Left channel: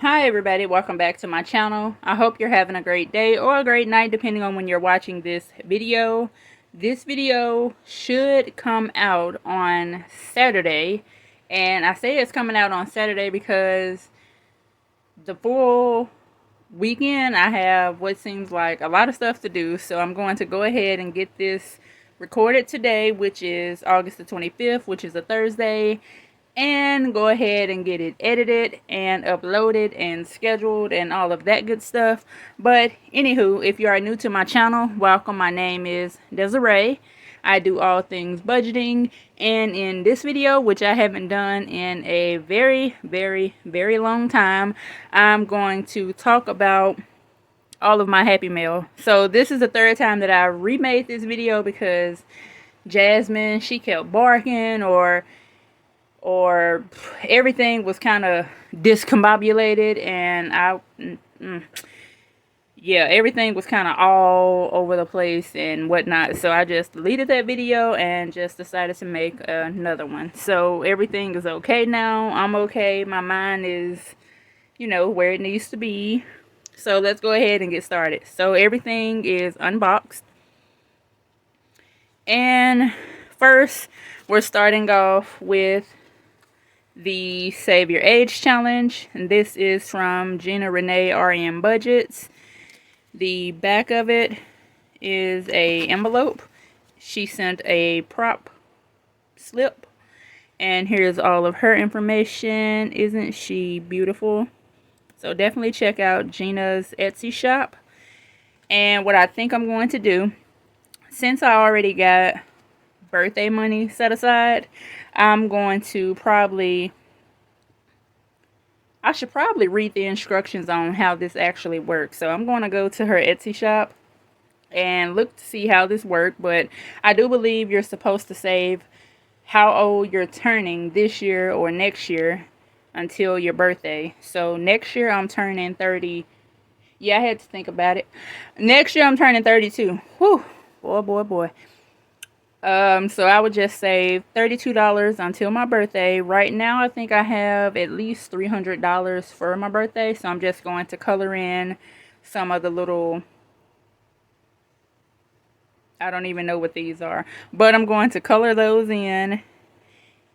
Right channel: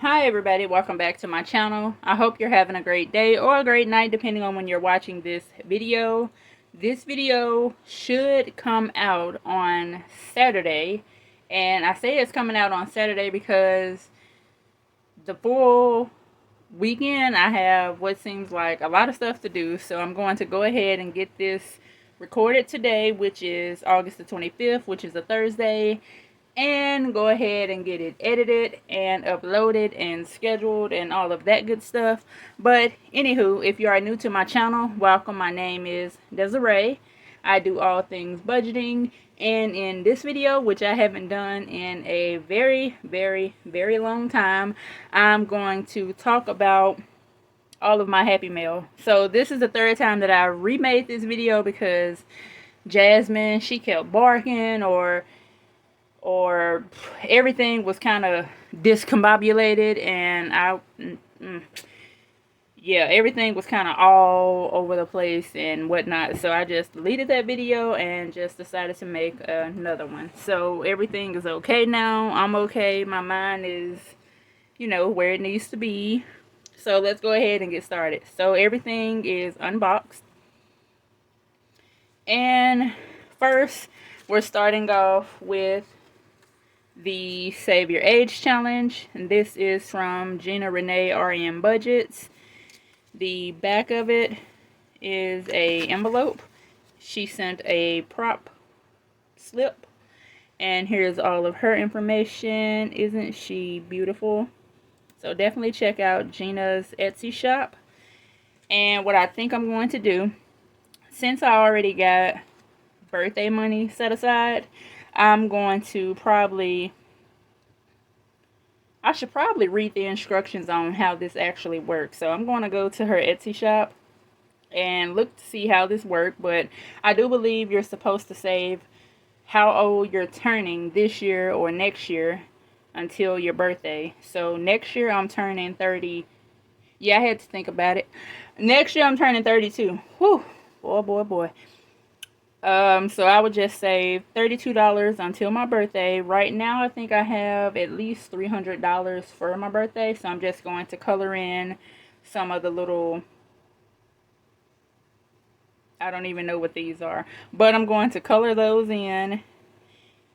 Hi everybody, welcome back to my channel. I hope you're having a great day or a great night depending on when you're watching this video. This video should come out on Saturday, and I say it's coming out on Saturday because the full weekend I have what seems like a lot of stuff to do, so I'm going to go ahead and get this recorded today, which is August the 25th, which is a Thursday, and go ahead and get it edited and uploaded and scheduled and all of that good stuff. But anywho, if you are new to my channel, welcome. My name is Desiree. I do all things budgeting, and in this video, which I haven't done in a very long time, I'm going to talk about all of my Happy Mail. So this is the third time that I remade this video because Jasmine, she kept barking, or everything was kind of discombobulated, and yeah, everything was kind of all over the place and whatnot. So I just deleted that video and just decided to make another one. So everything is okay now. I'm okay. My mind is, where it needs to be. So let's go ahead and get started. So everything is unboxed. And first, we're starting off with the Save Your Age Challenge. And this is from Gina Renee RN Budgetz. The back of it is a envelope. She sent a prop slip, and here's all of her information. Isn't she beautiful? So definitely check out Gina's Etsy shop. And what I think I'm going to do, since I already got birthday money set aside, I'm going to I should probably read the instructions on how this actually works. So I'm going to go to her Etsy shop and look to see how this works. But I do believe you're supposed to save how old you're turning this year or next year until your birthday. So next year I'm turning 30. Yeah, I had to think about it. Next year I'm turning 32. Whew. Boy. So I would just save $32 until my birthday. Right now, I think I have at least $300 for my birthday. So I'm just going to color in some of the little, I don't even know what these are, but I'm going to color those in.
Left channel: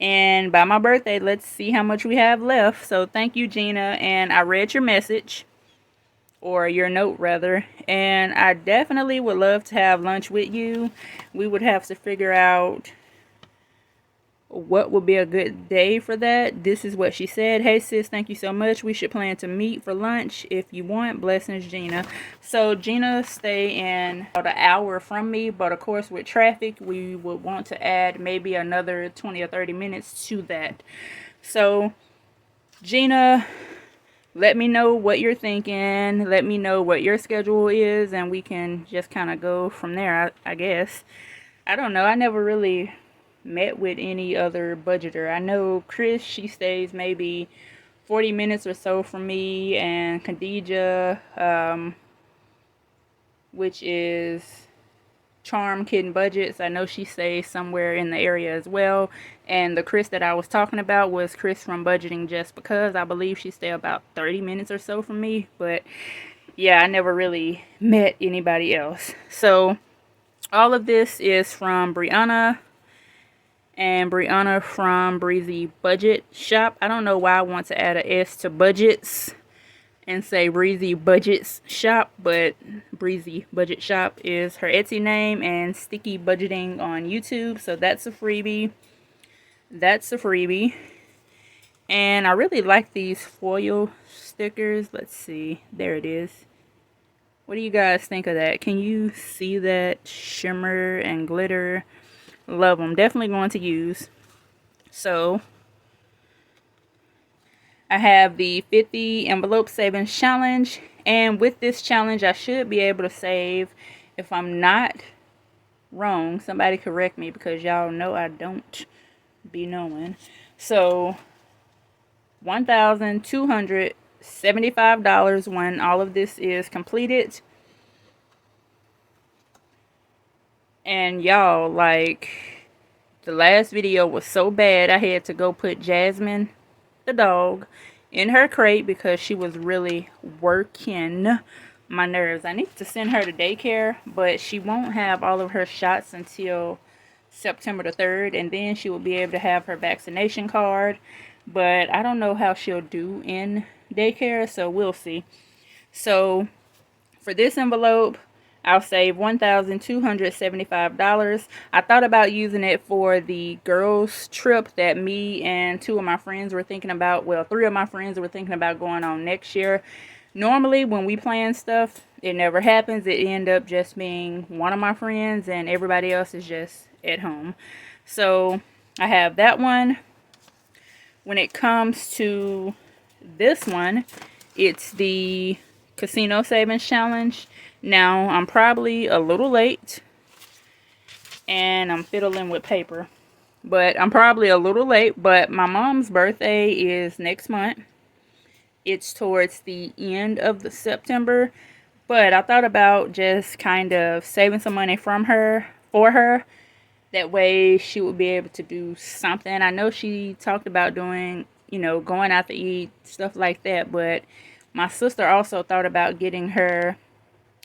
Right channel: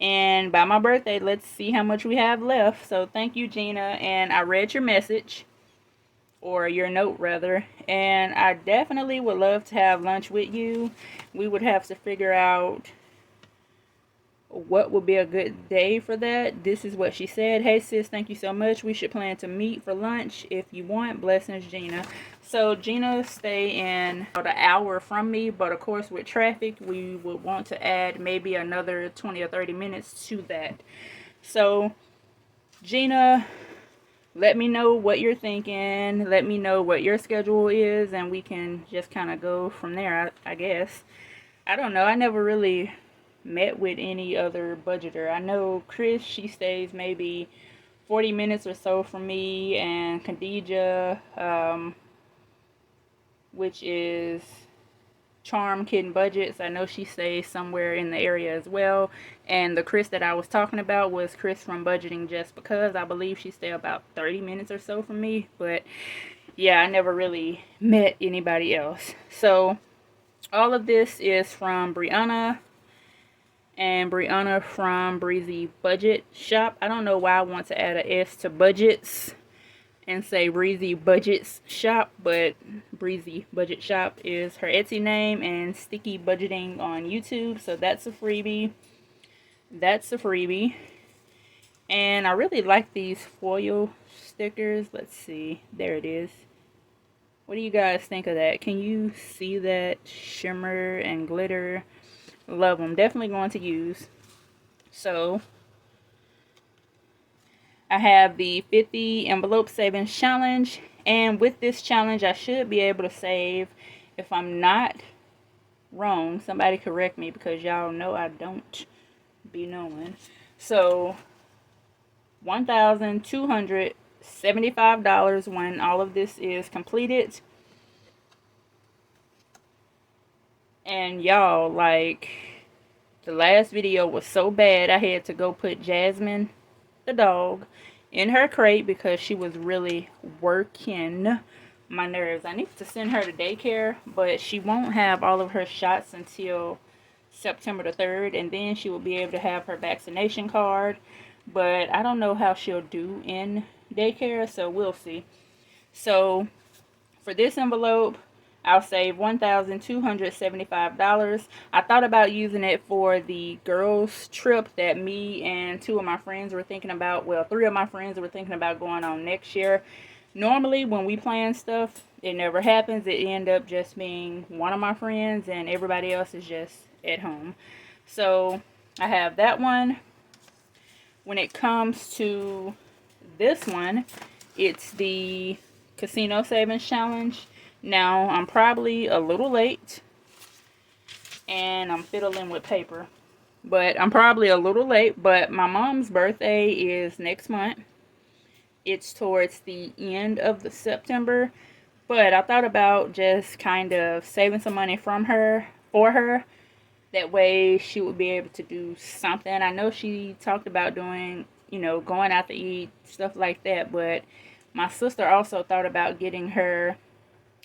And by my birthday, let's see how much we have left. So thank you, Gina. And I read your message, or your note rather, and I definitely would love to have lunch with you. We would have to figure out what would be a good day for that. This is what she said. Hey sis, thank you so much. We should plan to meet for lunch if you want. Blessings, Gina. So Gina stay in about an hour from me, but of course with traffic we would want to add maybe another 20 or 30 minutes to that. So Gina, let me know what you're thinking. Let me know what your schedule is, and we can just kind of go from there, I guess. I don't know. I never really met with any other budgeter. I know Chris, she stays maybe 40 minutes or so from me, and Khadija, which is Charm Kitten Budgetz, I know she stays somewhere in the area as well. And the Chris that I was talking about was Chris from Budgeting Just Because. I believe she stay about 30 minutes or so from me. But yeah, I never really met anybody else. So all of this is from Brianna, and Brianna from Breezy Budget Shop. I don't know why I want to add an S to Budgetz and say Breezy Budgetz Shop, but Breezy Budget Shop is her Etsy name, and Sticky Budgeting on YouTube. So that's a freebie. And I really like these foil stickers. Let's see. There it is. What do you guys think of that? Can you see that shimmer and glitter? Love them. Definitely going to use. So I have the 50 envelope savings challenge, and with this challenge I should be able to save, if I'm not wrong, somebody correct me because y'all know I don't be knowing. So $1,275 when all of this is completed. And y'all, like, the last video was so bad I had to go put Jasmine, the dog, in her crate because she was really working my nerves. I need to send her to daycare, but she won't have all of her shots until September the 3rd, and then she will be able to have her vaccination card. But I don't know how she'll do in daycare, so we'll see. So for this envelope, I'll save $1,275. I thought about using it for the girls trip that me and two of my friends were thinking about. Well, three of my friends were thinking about going on next year. Normally, when we plan stuff, it never happens. It ends up just being one of my friends and everybody else is just at home. So I have that one. When it comes to this one, it's the Casino Savings Challenge. Now, I'm probably a little late, and I'm fiddling with paper, but I'm probably a little late, but my mom's birthday is next month. It's towards the end of the September, but I thought about just kind of saving some money from her, for her. That way she would be able to do something. I know she talked about doing, you know, going out to eat, stuff like that, but my sister also thought about getting her,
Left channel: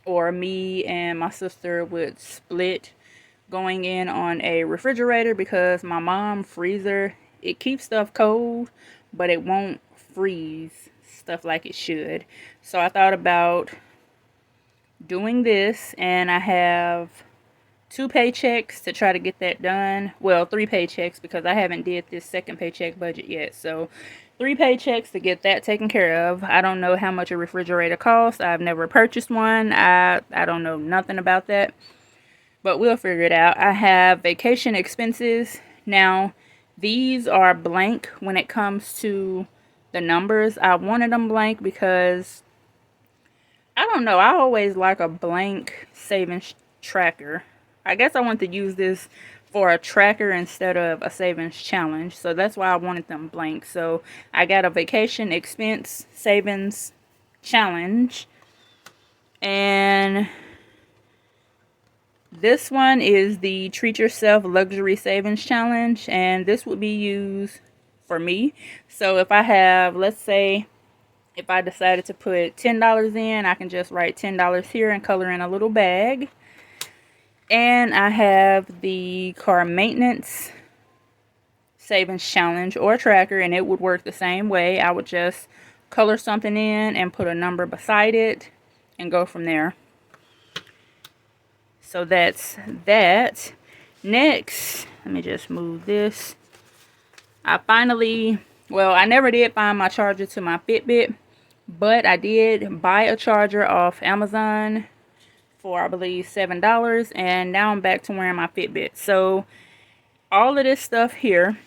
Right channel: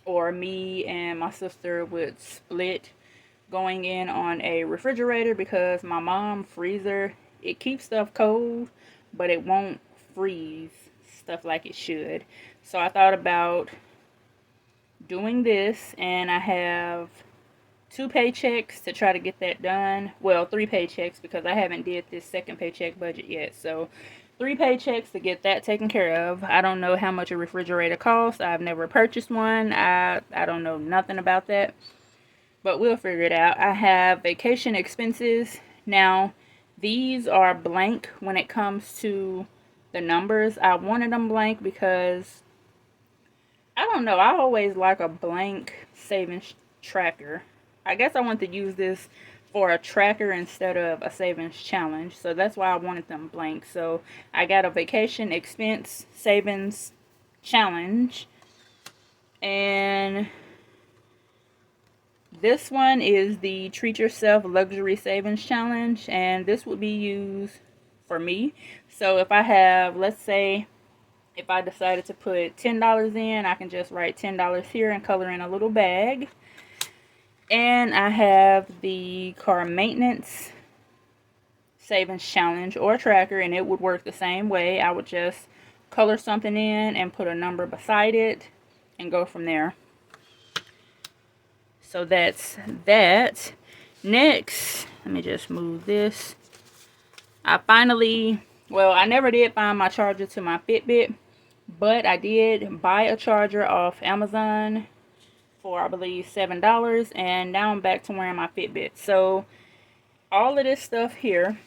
or me and my sister would split going in on a refrigerator, because my mom's freezer, it keeps stuff cold, but it won't freeze stuff like it should. So I thought about doing this, and I have 2 paychecks to try to get that done. Well, 3 paychecks, because I haven't did this second paycheck budget yet. So 3 paychecks to get that taken care of. I don't know how much a refrigerator costs. I've never purchased one. I don't know nothing about that, but we'll figure it out. I have vacation expenses. Now, these are blank when it comes to the numbers. I wanted them blank because, I don't know, I always like a blank savings tracker. I guess I want to use this for a tracker instead of a savings challenge. So that's why I wanted them blank. So I got a vacation expense savings challenge. And this one is the Treat Yourself Luxury Savings Challenge. And this would be used for me. So if I have, let's say, if I decided to put $10 in, I can just write $10 here and color in a little bag. And I have the car maintenance savings challenge or tracker, and it would work the same way. I would just color something in and put a number beside it and go from there. So that's that. Next, let me just move this. I finally, well, I never did find my charger to my Fitbit, but I did buy a charger off Amazon for, I believe, $7, and now I'm back to wearing my Fitbit. So all of this stuff here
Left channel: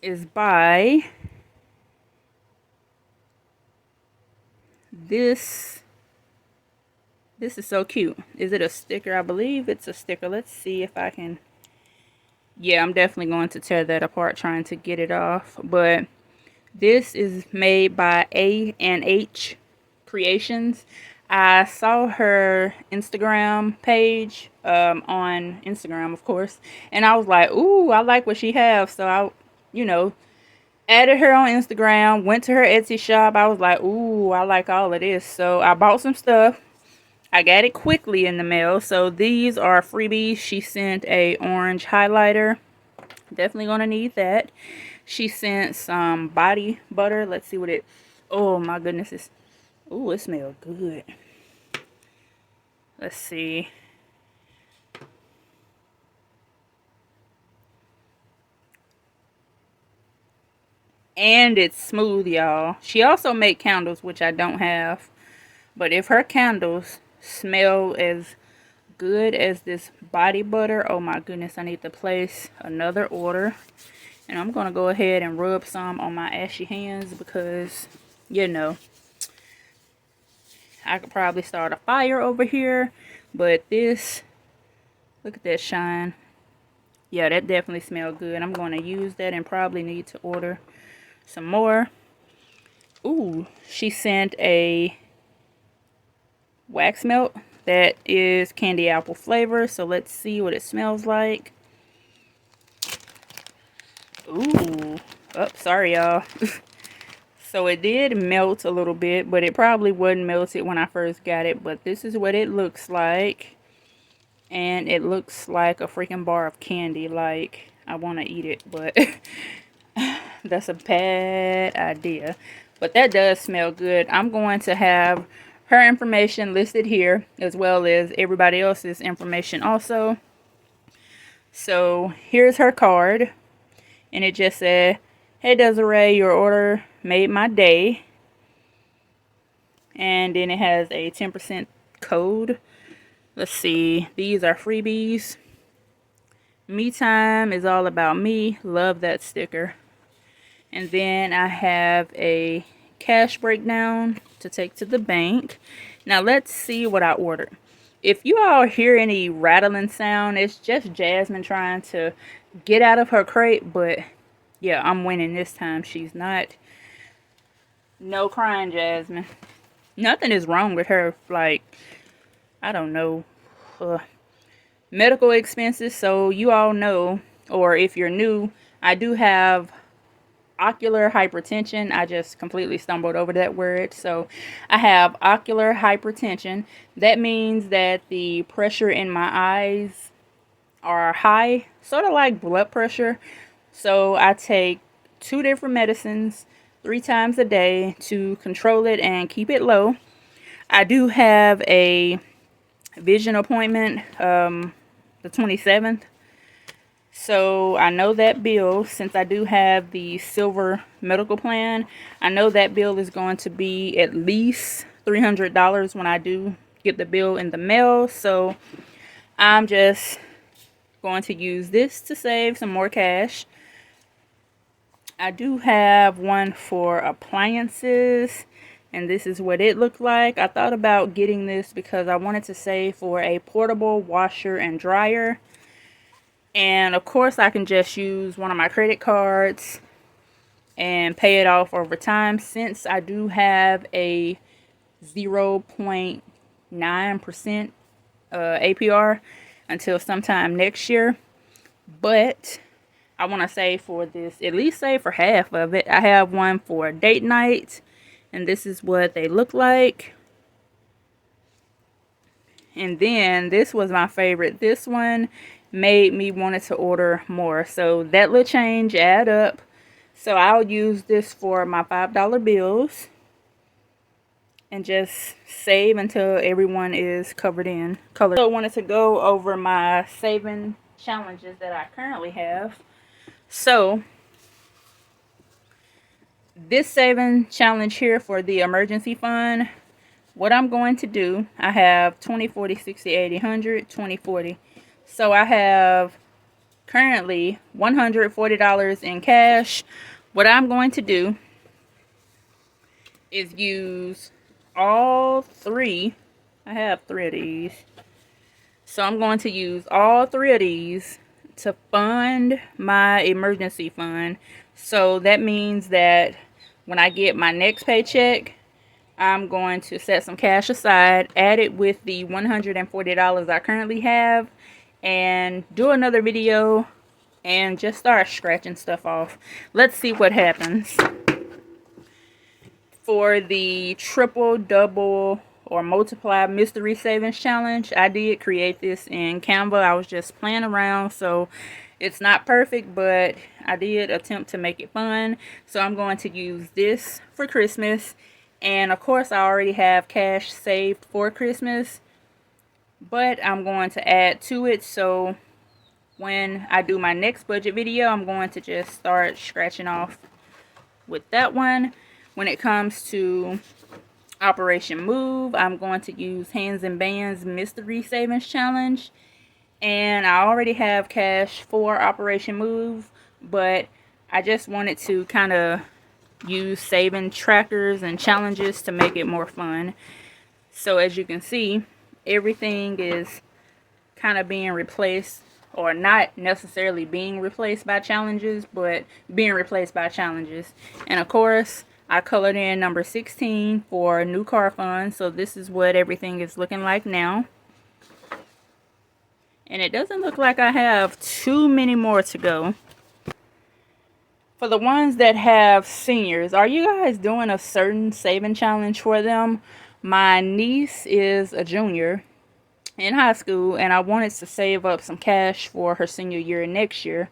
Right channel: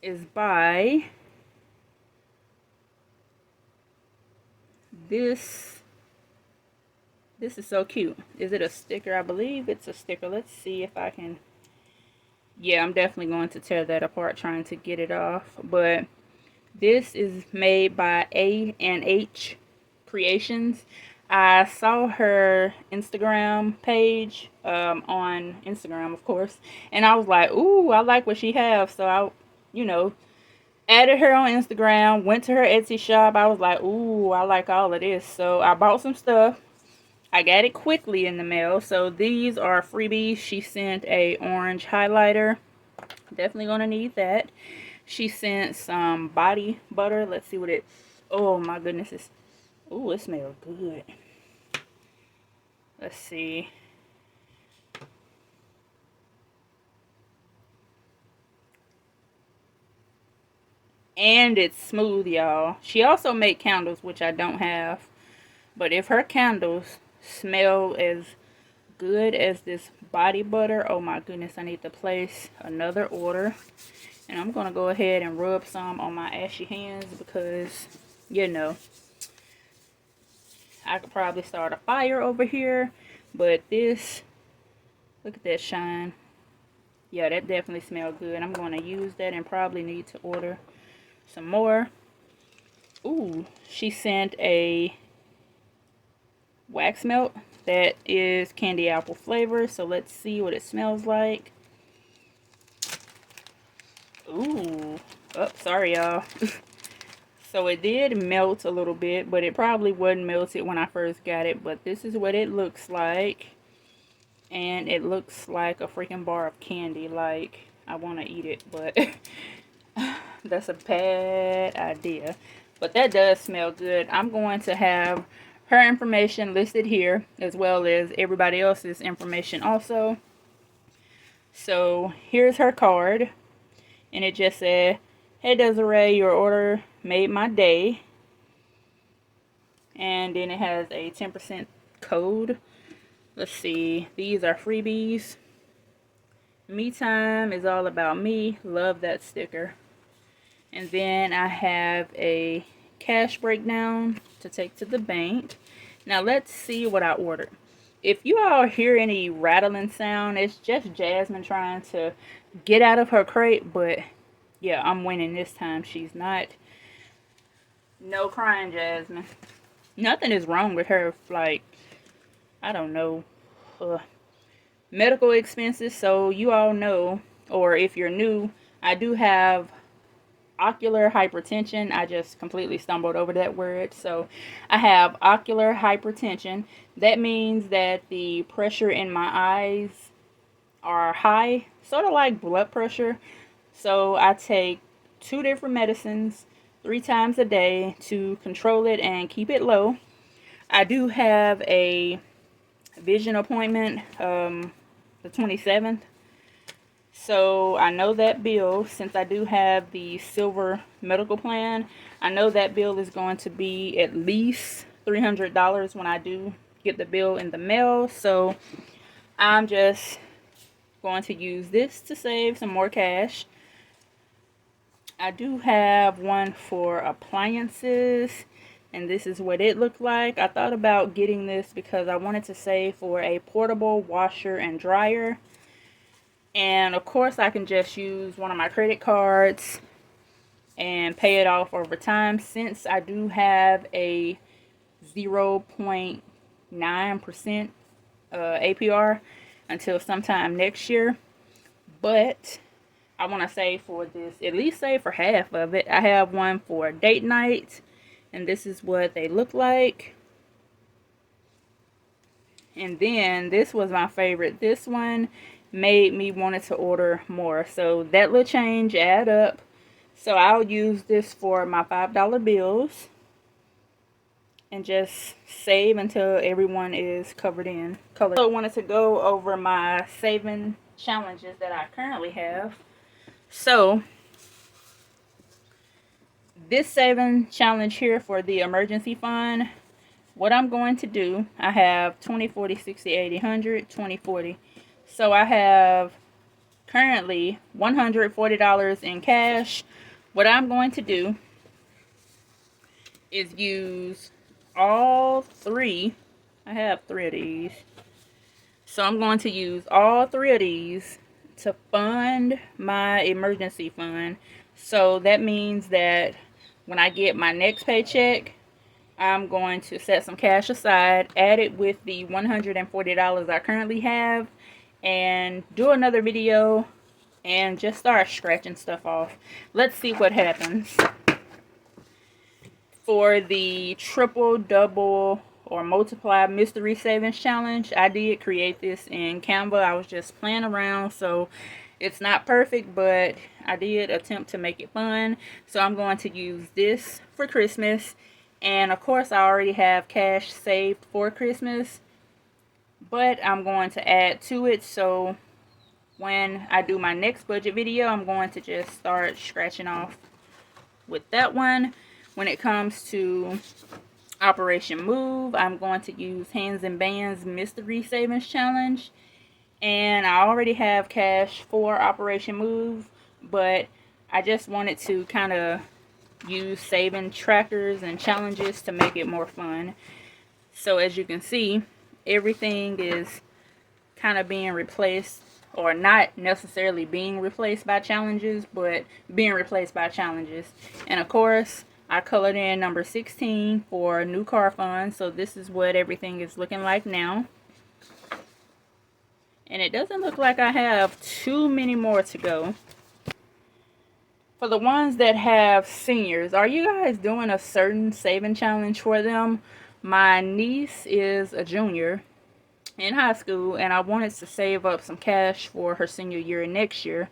is by this is so cute. Is it a sticker? I believe it's a sticker. Let's see if I can. Yeah, I'm definitely going to tear that apart trying to get it off, but this is made by A&H Creations. I saw her Instagram page on Instagram, of course, and I was like, ooh, I like what she has. So I, you know, added her on Instagram, went to her Etsy shop. I was like, ooh, I like all of this. So I bought some stuff. I got it quickly in the mail. So these are freebies. She sent a orange highlighter. Definitely gonna need that. She sent some body butter. Let's see what it, oh my goodness, it's, oh, it smells good. Let's see. And it's smooth, y'all. She also made candles, which I don't have. But if her candles smell as good as this body butter, oh my goodness, I need to place another order. And I'm going to go ahead and rub some on my ashy hands because, you know, I could probably start a fire over here. But this, look at that shine. Yeah, that definitely smells good. I'm going to use that and probably need to order some more. Ooh, she sent a wax melt that is candy apple flavor. So let's see what it smells like. Ooh, oh, sorry y'all. So it did melt a little bit, but it probably wasn't melted when I first got it. But this is what it looks like. And it looks like a freaking bar of candy. Like, I want to eat it, but that's a bad idea. But that does smell good. I'm going to have her information listed here, as well as everybody else's information also. So here's her card, and it just said, "Hey Desiree, your order made my day." And then it has a 10% code. Let's see, these are freebies. Me time is all about me. Love that sticker. And then I have a cash breakdown to take to the bank. Now let's see what I ordered. If you all hear any rattling sound, it's just Jasmine trying to get out of her crate. But yeah, I'm winning this time. She's not. No crying, Jasmine. Nothing is wrong with her. Like, I don't know. Medical expenses. So you all know, or if you're new, I do have ocular hypertension. I just completely stumbled over that word. So I have ocular hypertension. That means that the pressure in my eyes are high, sort of like blood pressure. So I take 2 different medicines 3 times a day to control it and keep it low. I do have a vision appointment the 27th. So I know that bill, since I do have the silver medical plan, I know that bill is going to be at least $300 when I do get the bill in the mail. So I'm just going to use this to save some more cash. I do have one for appliances, and this is what it looked like. I thought about getting this because I wanted to save for a portable washer and dryer. And of course I can just use one of my credit cards and pay it off over time, since I do have a 0.9% APR until sometime next year. But I want to save for this, at least save for half of it. I have one for date night, and this is what they look like. And then this was my favorite. This one made me wanted to order more. So that little change add up. So I'll use this for my $5 bills and just save until everyone is covered in color. So I wanted to go over my saving challenges that I currently have. So this saving challenge here for the emergency fund, what I'm going to do, I have 20, 40, 60, 80, 100, 20, 40. So I have currently $140 in cash. What I'm going to do is use all 3. I have 3 of these. So I'm going to use all 3 of these to fund my emergency fund. So that means that when I get my next paycheck, I'm going to set some cash aside, add it with the $140 I currently have, and do another video and just start scratching stuff off. Let's see what happens. For the triple, double, or multiply mystery savings challenge, I did create this in Canva. I was just playing around, so it's not perfect, but I did attempt to make it fun. So I'm going to use this for Christmas, and of course I already have cash saved for Christmas, but I'm going to add to it. So when I do my next budget video, I'm going to just start scratching off with that one. When it comes to Operation Move, I'm going to use Hands and Bands Mystery Savings Challenge. And I already have cash for Operation Move, but I just wanted to kind of use saving trackers and challenges to make it more fun. So as you can see, everything is kind of being replaced, or not necessarily being replaced by challenges, but being replaced by challenges. And of course, I colored in number 16 for new car fund. So this is what everything is looking like now. And it doesn't look like I have too many more to go. For the ones that have seniors, are you guys doing a certain saving challenge for them? My niece is a junior in high school, and I wanted to save up some cash for her senior year next year,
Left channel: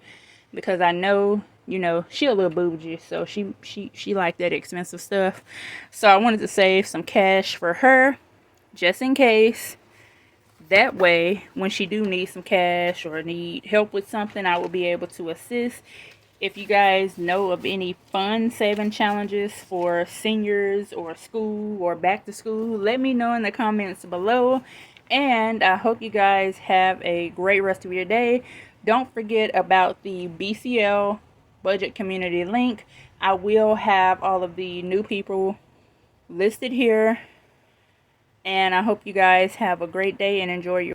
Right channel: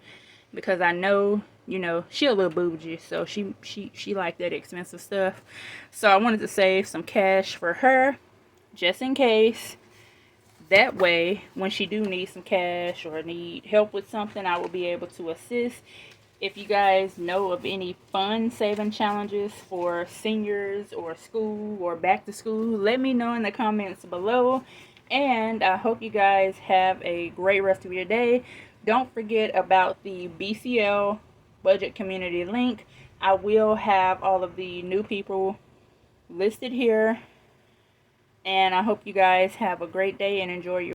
because I know, you know, she a little bougie, so she like that expensive stuff. So I wanted to save some cash for her, just in case. That way, when she do need some cash or need help with something, I will be able to assist. If you guys know of any fun saving challenges for seniors or school or back to school, let me know in the comments below. And I hope you guys have a great rest of your day. Don't forget about the BCL budget community link. I will have all of the new people listed here. And I hope you guys have a great day and enjoy your